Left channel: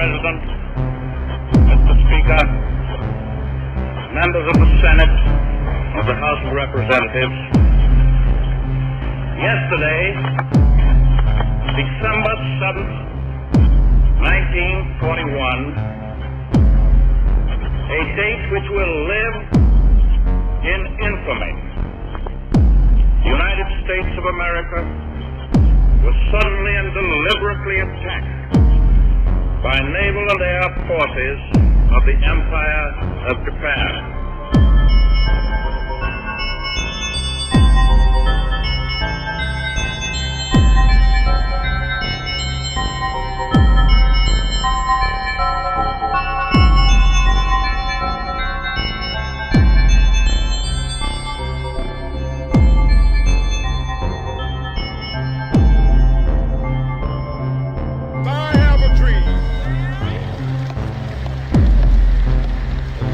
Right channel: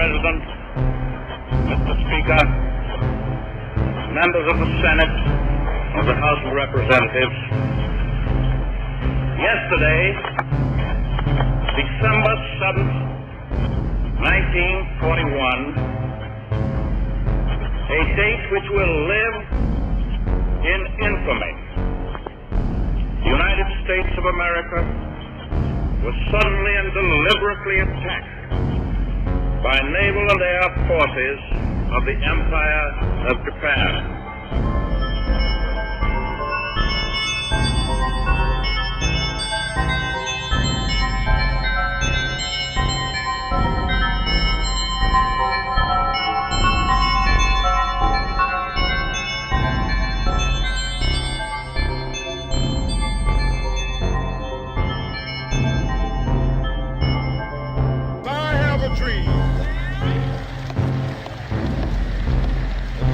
President, Mr. Speaker, members of the Senate, of the House of Representatives, yesterday, December 7th, 1941, a date which will live in infamy, the United States of America was suddenly and deliberately attacked by naval and air forces of the Empire of Japan.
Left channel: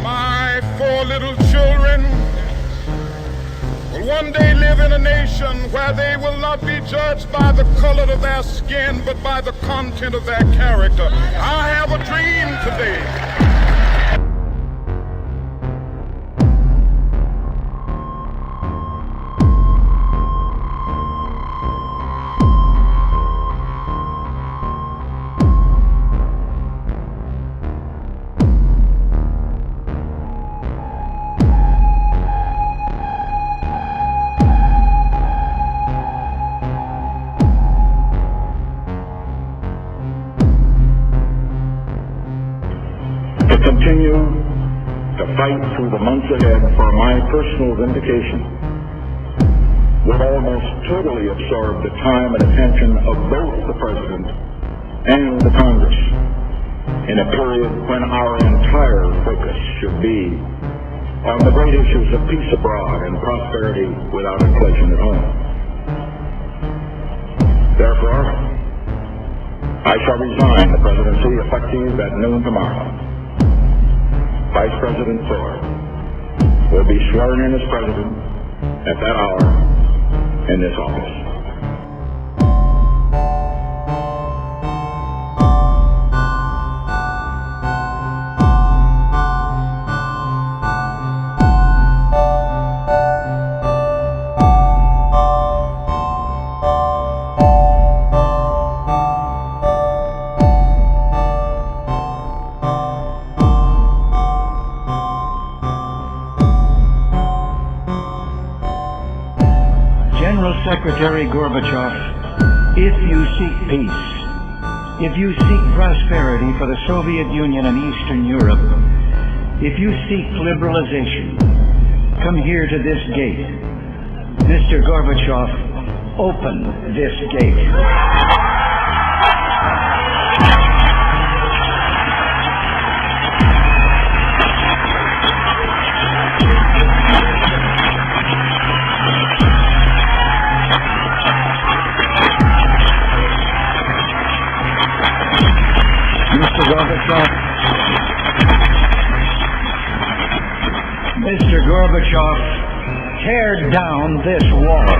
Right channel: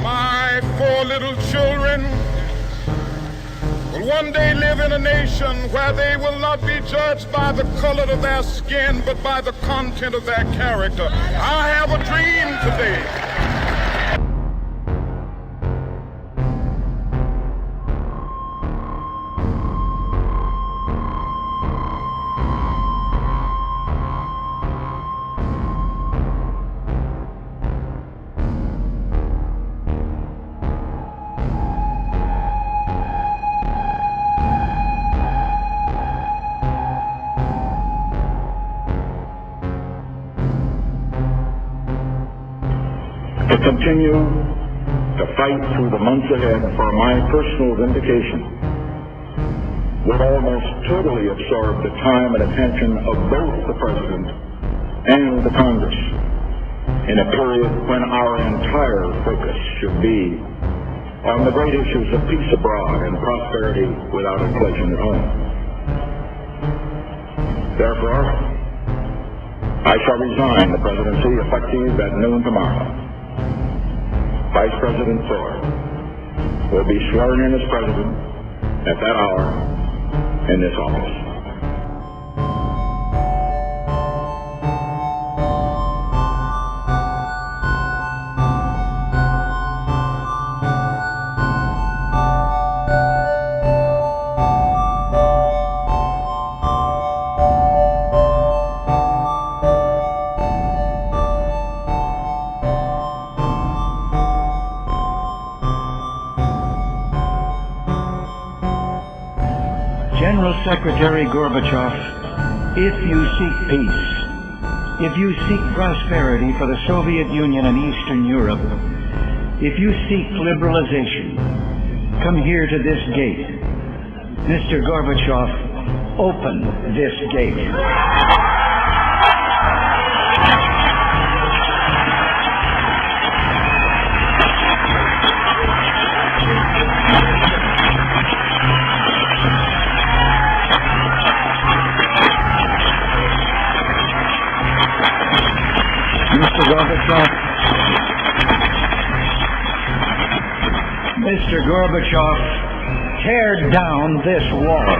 My 4 little children will one day live in a nation where they will not be judged by the color of their skin, but by the content of their character. I have a dream today. To continue to fight through the months ahead for my personal vindication would almost totally absorb the time and attention of both the President and the Congress in a period when our entire focus should be on the great issues of peace abroad and prosperity without inflation at home. Therefore, I shall resign the presidency effective at noon tomorrow. Vice President Ford will be sworn in as President at that hour in this office. General Secretary Gorbachev, if you seek peace, if you seek prosperity for the Soviet Union and Eastern Europe, if you seek liberalization, come here to this gate. Mr. Gorbachev, open this gate. Mr. Gorbachev, tear down this wall.